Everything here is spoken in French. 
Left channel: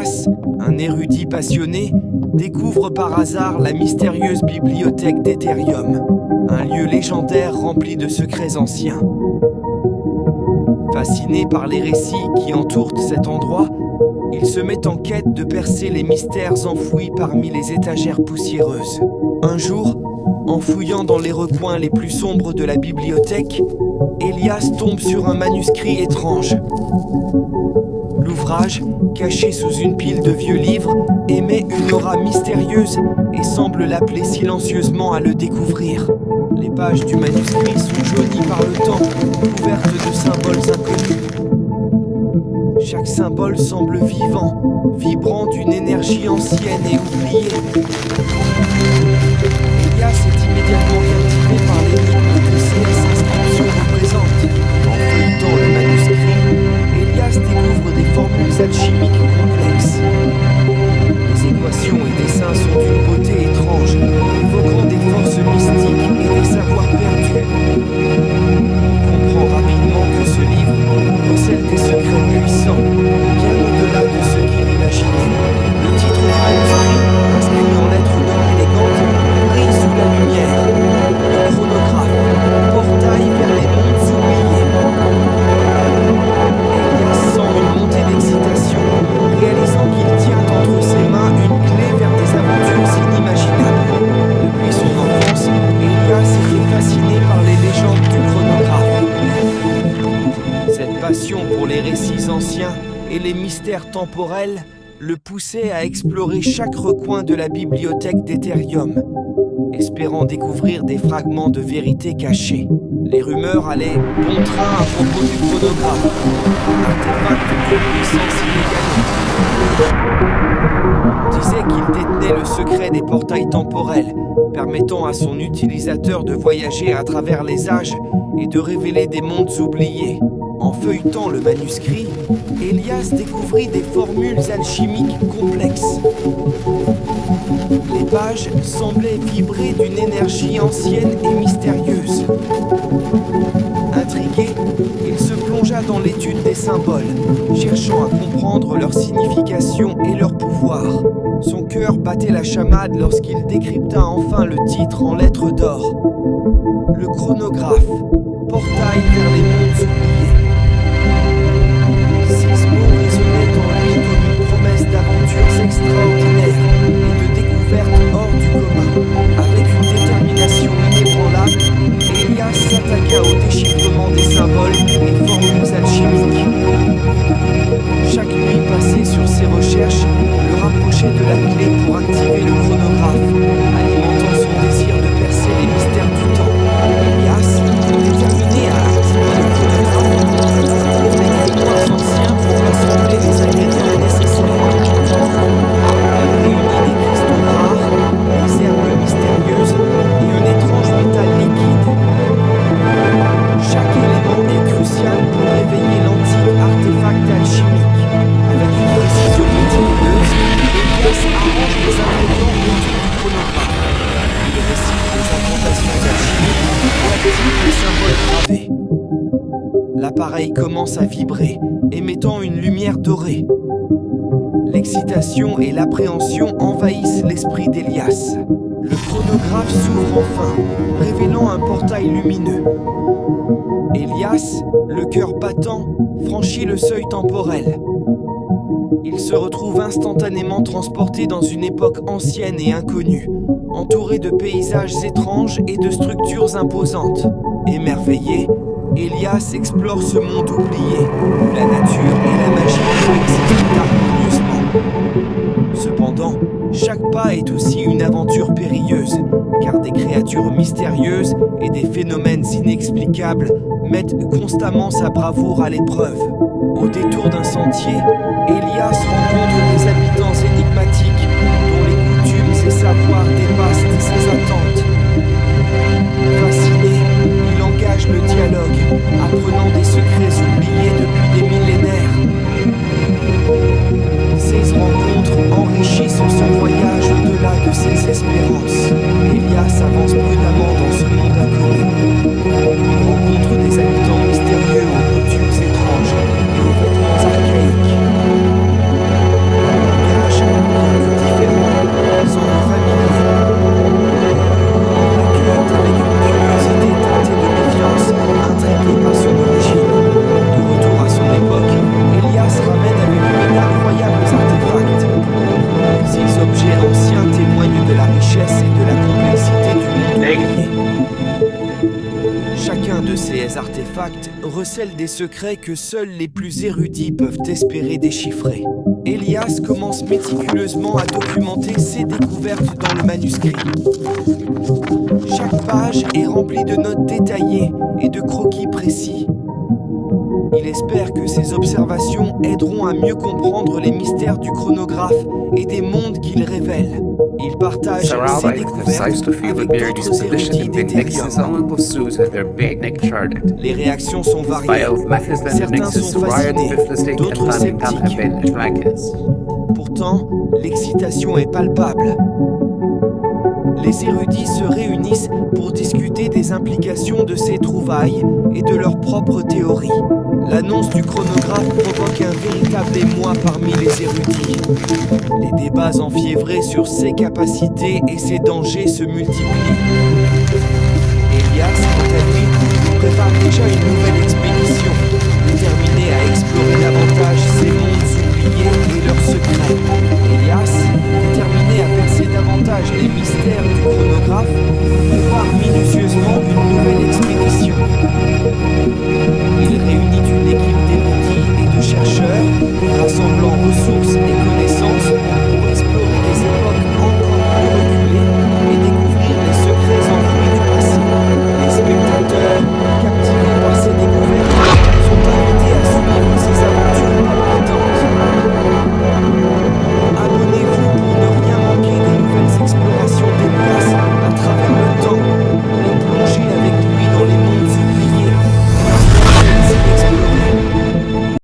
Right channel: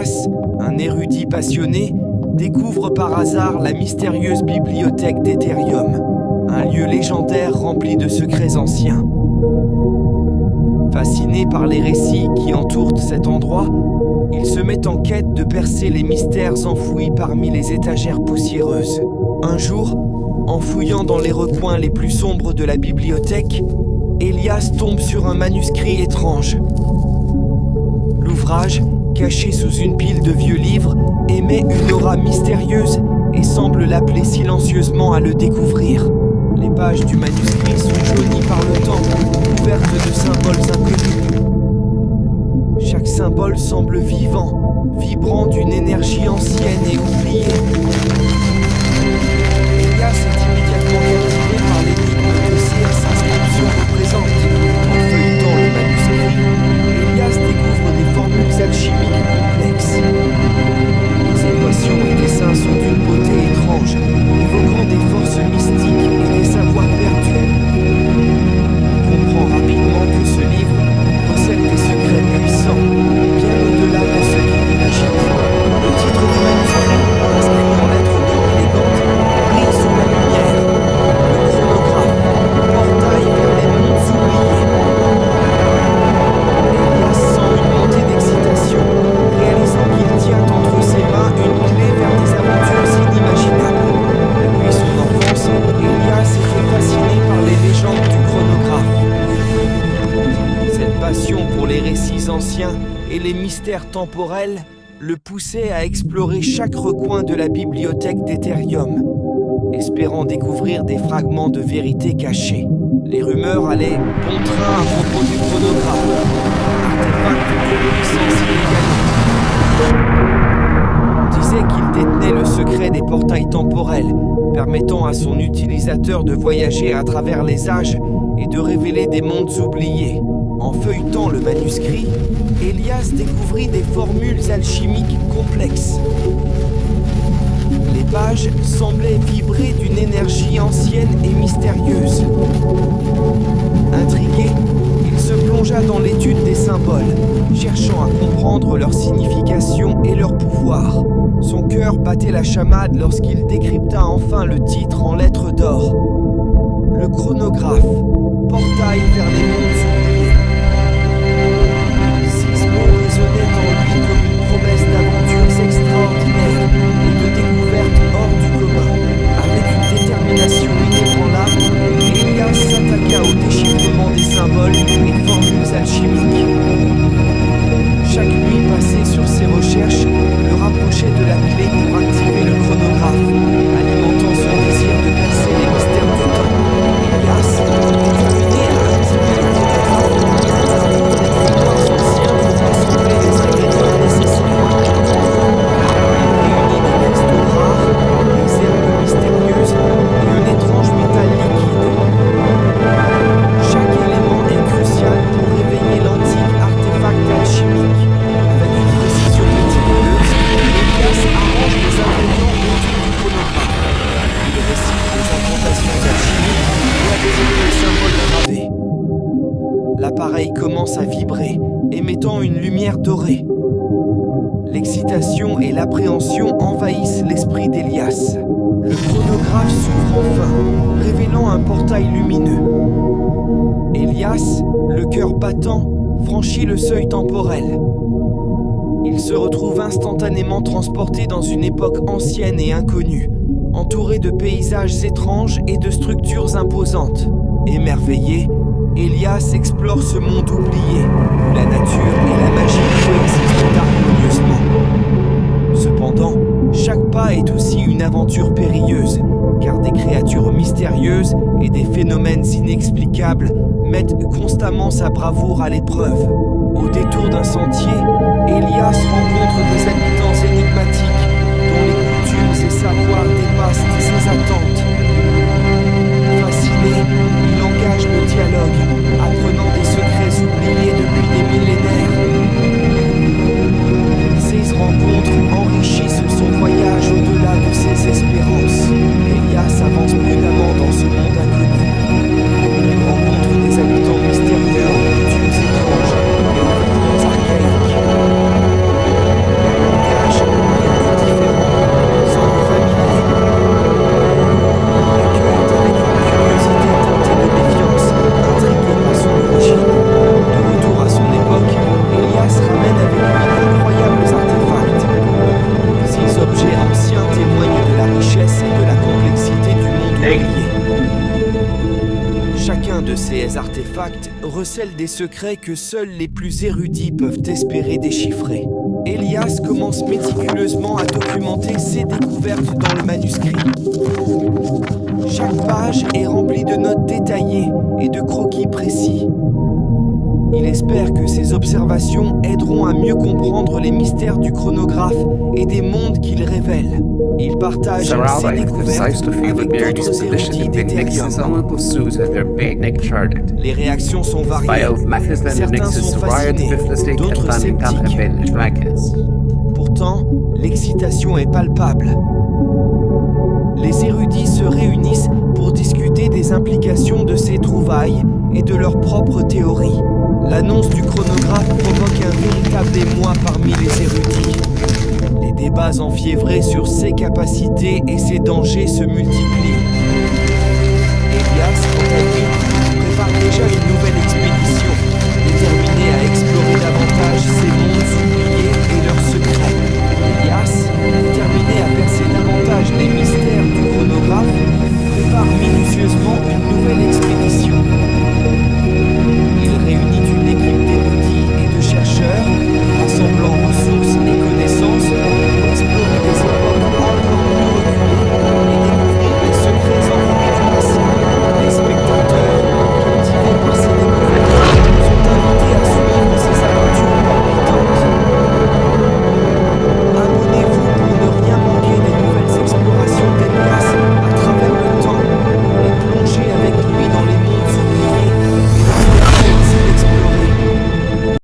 Elias, un érudit passionné, découvre par hasard la mystérieuse bibliothèque d'Etherium, un lieu légendaire rempli de secrets anciens. Fasciné par les récits qui entourent cet endroit, il se met en quête de percer les mystères enfouis parmi les étagères poussiéreuses. Un jour, en fouillant dans les recoins les plus sombres de la bibliothèque, Elias tombe sur un manuscrit étrange. L'ouvrage, caché sous une pile de vieux livres, émet une aura mystérieuse et semble l'appeler silencieusement à le découvrir. Les pages du manuscrit sont jaunies par le temps, couvertes de symboles inconnus. Chaque symbole semble vivant, vibrant d'une énergie ancienne et oubliée. Elias est immédiatement captivé par l'énigme que ces inscriptions représentent. En feuilletant le manuscrit, Elias découvre des formules alchimiques complexes. Les équations et dessins sont d'une beauté étrange, évoquant des forces mystiques et des savoirs perdus. Il comprend rapidement que ce livre recèle des secrets puissants, bien au-delà de ce qu'il imaginait. Le titre du manuscrit, inscrit en lettres d'or élégantes, brille sous la lumière. Le chronographe, portail vers les mondes oubliés. Elias sent une montée d'excitation, réalisant qu'il tient entre ses mains une clé vers des aventures inimaginables. Depuis son enfance, Elias était fasciné par les légendes du chronographe. Cette passion pour les récits anciens et les mystères temporels le poussait à explorer chaque recoin de la bibliothèque d'Etherium, espérant découvrir des fragments de vérité cachés. Les rumeurs allaient bon train à propos du chronographe, artefact de puissance illégale. On disait qu'il détenait le secret des portails temporels, permettant à son utilisateur de voyager à travers les âges et de révéler des mondes oubliés. En feuilletant le manuscrit, Elias découvrit des formules alchimiques complexes. Les pages semblaient vibrer d'une énergie ancienne et mystérieuse. Intrigué, il se plongea dans l'étude des symboles, cherchant à comprendre leur signification et leur pouvoir. Son cœur battait la chamade lorsqu'il décrypta enfin le titre en lettres d'or. Le chronographe, portail vers les mondes oubliés. Ces mots résonnaient en lui comme une promesse d'aventures extraordinaires et de découvertes hors du commun. Avec une détermination inébranlable, Elias s'attaqua au déchiffrement des symboles et formules alchimiques. Chaque nuit passée sur ses recherches le rapprochait de la clé pour activer le chronographe, alimentant son désir de percer les mystères du temps. Elias, déterminé à activer le chronographe, pour des grimoires anciens pour rassembler les ingrédients nécessaires. Il réunit des cristaux rares, des herbes mystérieuses et un étrange métal liquide. Chaque élément est crucial pour réveiller l'antique artefact alchimique. Avec une précision méticuleuse, Elias arrange les ingrédients autour du chronographe. Il récite les incantations alchimiques et active les symboles gravés. L'appareil commence à vibrer, émettant une lumière dorée. L'excitation et l'appréhension envahissent l'esprit d'Elias. Le chronographe s'ouvre enfin, révélant un portail lumineux. Elias, le cœur battant, franchit le seuil temporel. Il se retrouve instantanément transporté dans une époque ancienne et inconnue, entouré de paysages étranges et de structures imposantes. Émerveillé, Elias explore ce monde oublié, où la nature et la magie coexistent harmonieusement. Cependant, chaque pas est aussi une aventure périlleuse, car des créatures mystérieuses et des phénomènes inexplicables mettent constamment sa bravoure à l'épreuve. Au détour d'un sentier, Elias rencontre des habitants énigmatiques, dont les coutumes et savoirs dépassent ses attentes. Fasciné, il engage le dialogue, apprenant des secrets oubliés depuis des millénaires. Ces rencontres enrichissent son voyage au-delà de ses espérances. Elias avance prudemment dans ce monde inconnu. Il rencontre des habitants mystérieux aux coutumes étranges et aux vêtements archaïques. de ces artefacts recèle des secrets que seuls les plus érudits peuvent espérer déchiffrer. Elias commence méticuleusement à documenter ses découvertes dans le manuscrit. Chaque page est remplie de notes détaillées et de croquis précis. Il espère que ces observations aideront à mieux comprendre les mystères du chronographe et des mondes qu'il révèle. Il partage ses découvertes avec d'autres érudits d'Ethereum. Les réactions sont variées. Certains sont fascinés, d'autres sceptiques. Pourtant, l'excitation est palpable. Les érudits se réunissent pour discuter des implications de ces trouvailles et de leurs propres théories. L'annonce du chronographe provoque un véritable émoi parmi les érudits. Les débats enfiévrés sur ses capacités et ses dangers se multiplient. Elias, quant à lui, prépare déjà une nouvelle expérience.